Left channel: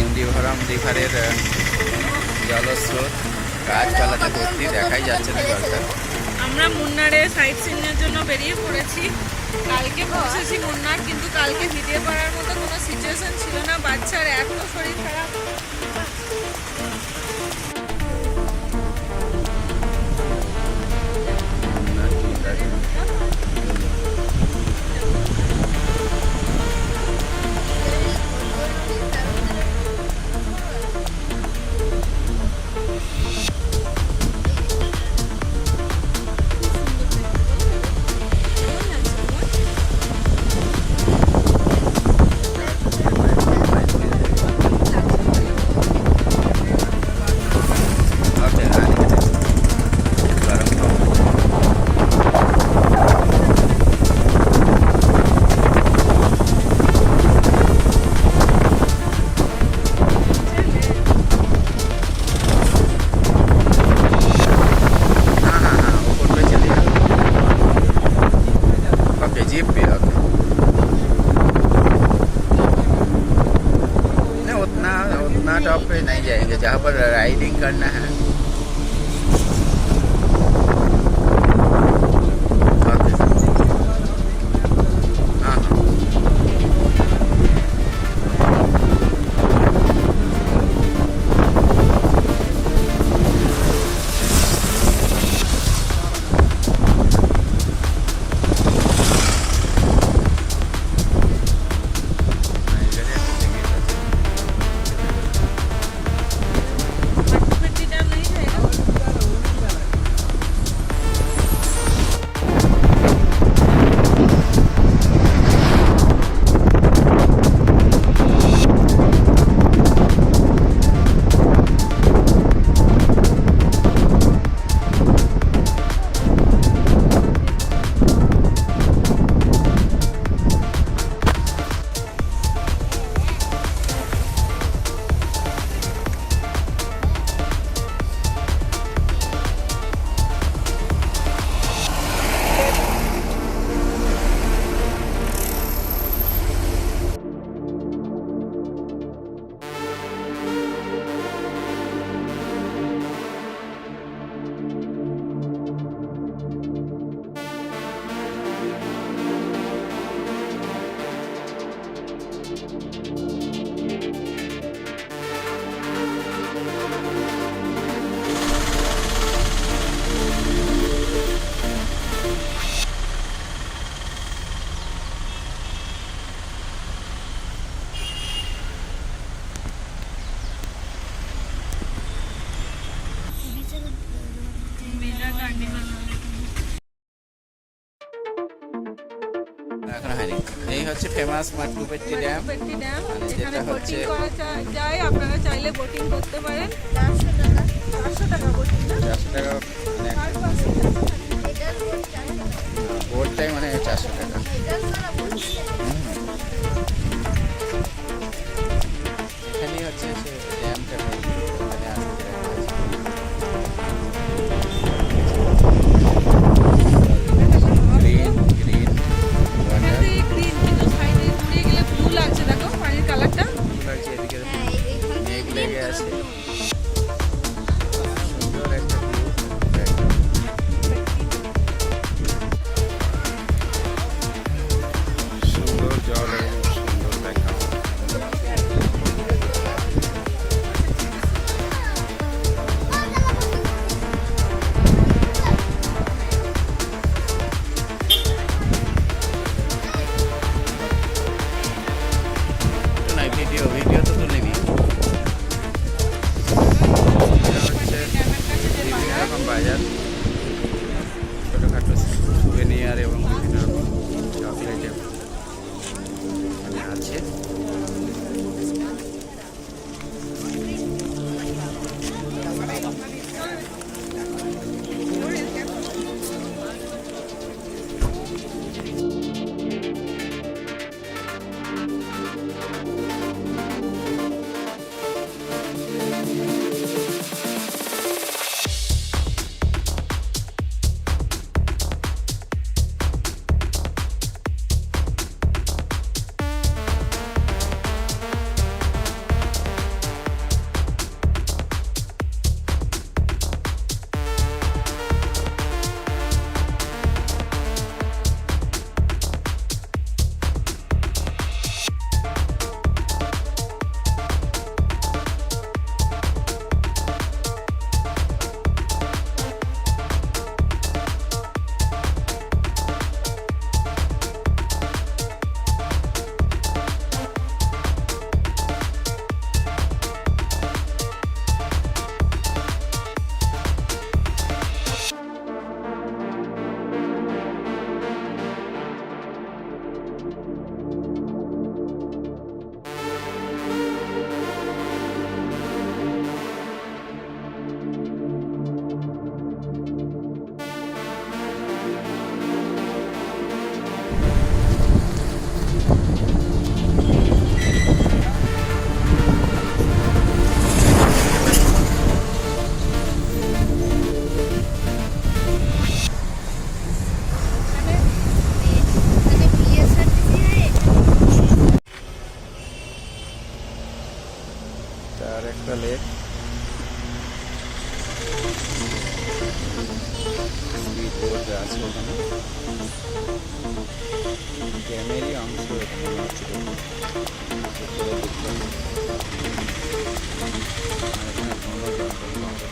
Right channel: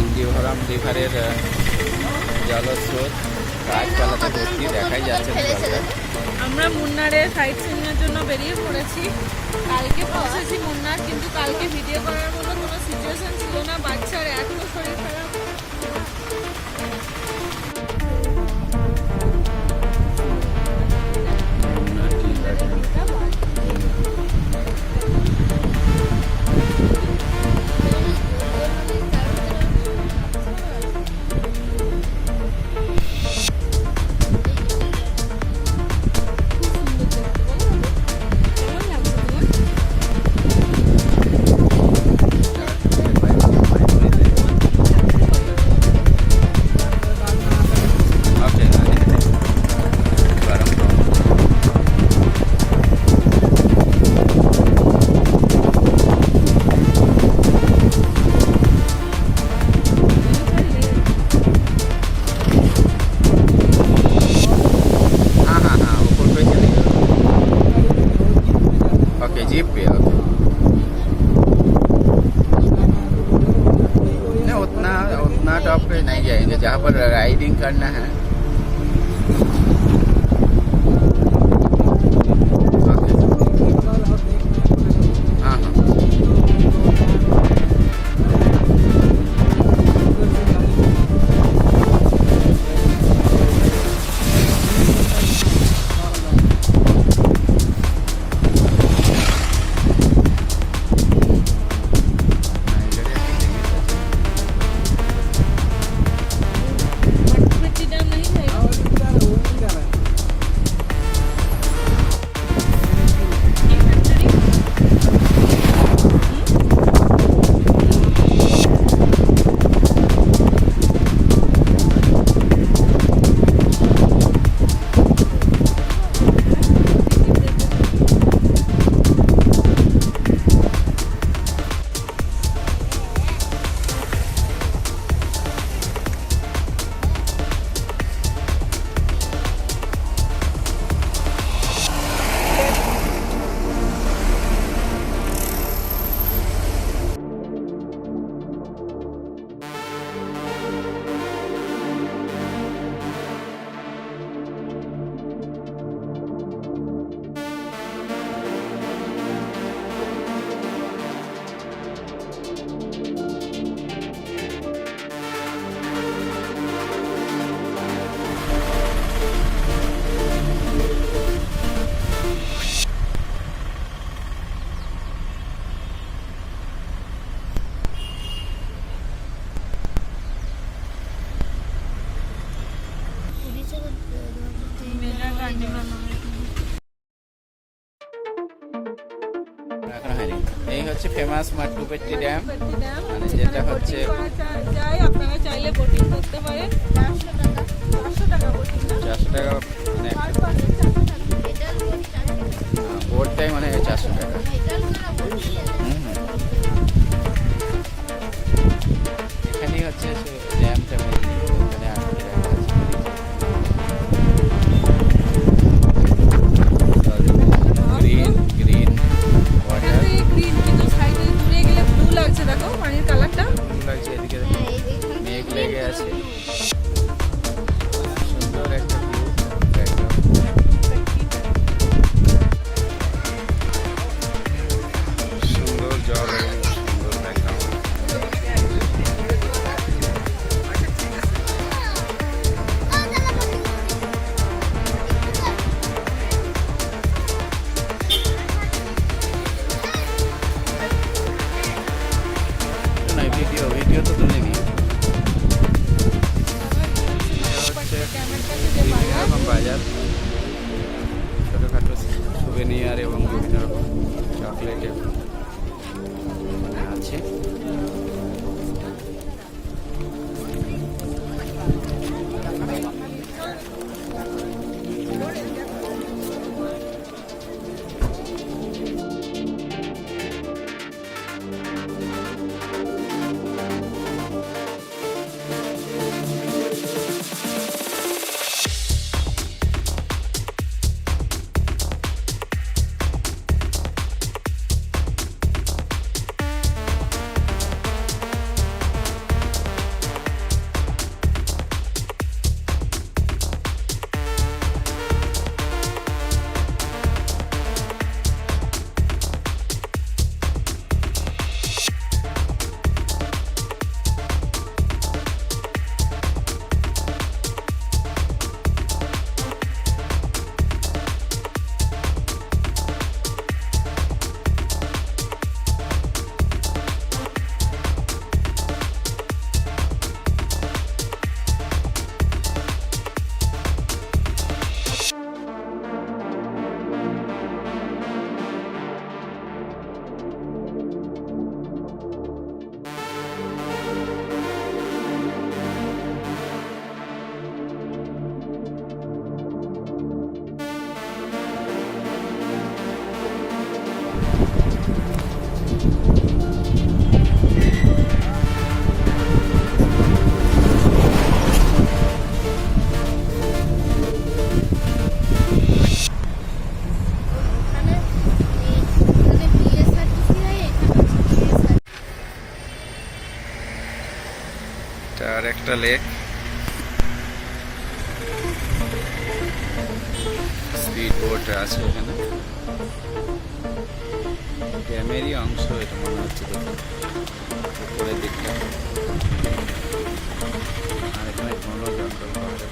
ইন্দিভরম রিভারের জলস্রোত গাছপালাতে ভর্তি, দেখাই যাচ্ছে না জলটা। আমরা মুন্নারে সাইট সিনের জন্য বেরিয়ে পড়েছি। কালকে পৌঁছেছি মুন্নার, কিন্তু কালকে ভিডিও করার মতো কোনো সিচুয়েশন ছিল না, বাচ্চার এত শরীর খারাপ। जीप पे ओके। नहीं उतना टॉप पे नहीं जाएंगे, जहाँ पर राइडिंग करना है। ओके हाँ हाँ এখন হয়নি। এই হচ্ছে ফেমাস মাট্টুপেট্টি ড্যাম, মানে যেটা হচ্ছে যাই আপনারা চাইলে বোটিং করতে পারেন। 400 টাকা বোটিং, 400 টাকা মানে বোটটাই মানে 400 টাকা। এখানেই হচ্ছে ড্যামটা, এখানে আসতে গ্রিন গ্রিন ওয়াটার, ব্লু লাগছে, দেখো পানির কালারটা ব্লু লাগছে, এদিকে মেঘ লেগে আছে, সুন্দর একটা ভিউ একদম। সুন্দর জল এবং সুন্দর ব্যাকগ্রাউন্ড। ভিডিও তো তুলে নি। হচ্ছে বিভিন্ন রকম বাজার, ছোটোখাটো সুভেনিয়ার এবং বিভিন্ন রকম চকলেট আছে। একটা লেক, স্পিড বোট আছে ওখানে, ড্যামেরই অংশ এটা মনে হচ্ছে দেখুন উপরের দিকটা। আর এখানে ঘন জঙ্গল পাহাড়ে।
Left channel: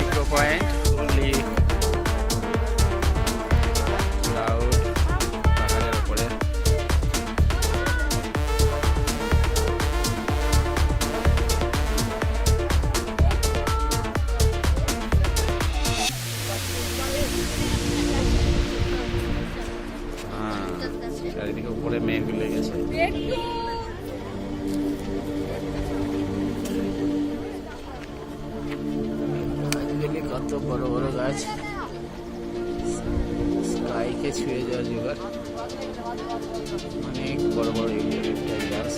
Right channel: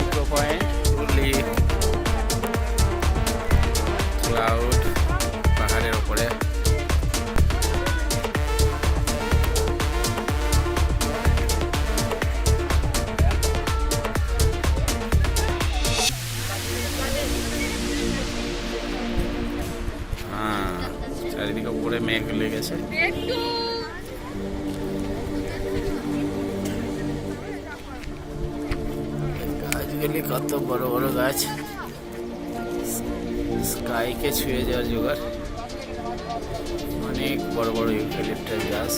ইকো পয়েন্ট, ফুললি ক্লাউড পাহাড়ের উপরে। হ্যাঁ, চারিদিকে উপরে মেঘ লেগেছে। গাছগুলি কত বড় বড় গাছ, স্কাইকে ছুঁয়ে যাওয়ার জোগাড়। অনেক বড় বড় ইউক্যালিপটাস গাছ।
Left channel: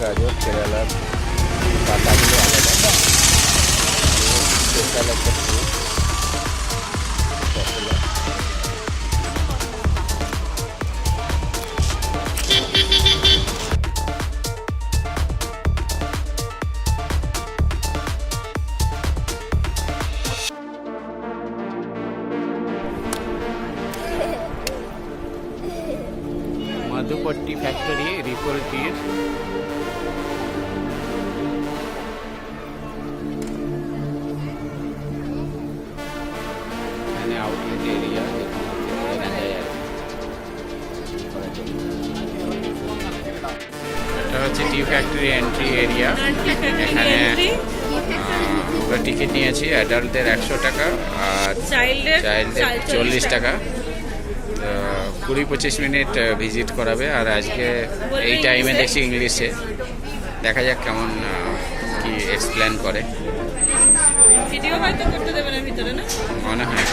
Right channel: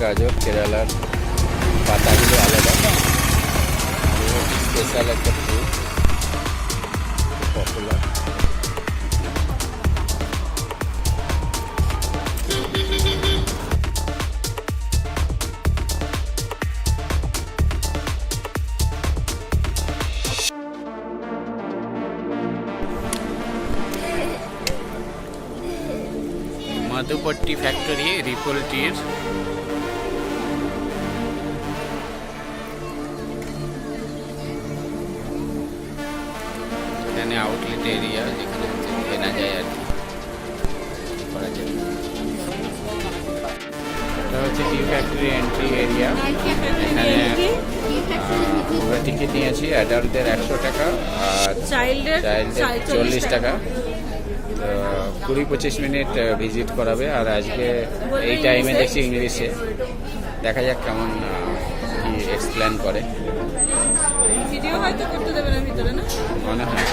গাজর, কেরালার পাতাগুলো আলাদা, স্পেশাল একটা ফ্রুট, পপুলার। মধুপট্টি ফ্যাক্টরি, রিপল টির। এখানে আউটলেট এরিয়া, যেখানে কেনা যায় আর কি করা যায়। এটা হচ্ছে টি ফ্যাক্টরি এন্ট্রি এরিয়া। এখানে আমরা টিকিট নিয়েছি, অ্যাডাল্টদের 100 টাকা আর চাইল্ডদের 40 টাকা। তো 20-25 মিনিট ভিজিট করাবে। আর আজকে এই টাইমে দেখছি ইংলিশে, দেখা যাক কেমন কি এক্সপ্লেন করে। ভিডিও হয়তো করতে দেবে না ভিতরে, না মনে হয়।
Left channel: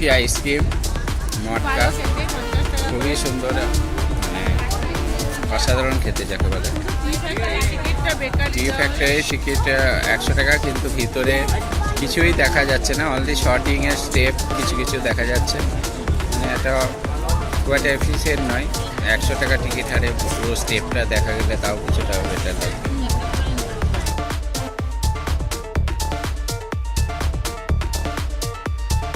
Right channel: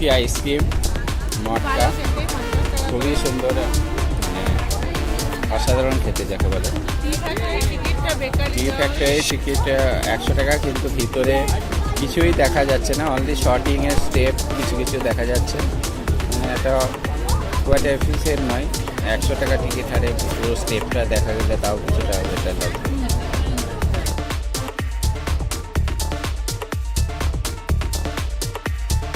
কুলফি আইসক্রিম মটকা খুবই সুন্দর, মানে অসাধারণ খেতে যাকে বলে। টি ফ্যাক্টরি টিকিট 100 টাকা, কিন্তু ভিতরে কিছুই দেখা যাচ্ছে না, অনলি শর্টিংয়ের স্টেপ কিছু কিছু দেখা যাচ্ছে, মানে এটা কোয়াইট এফিসিয়েন্ট নয়। 100 টাকা টিকিট হারে পুরো স্টেপটা দেখা গেলে তাও কিছুটা বেটার লাগবে।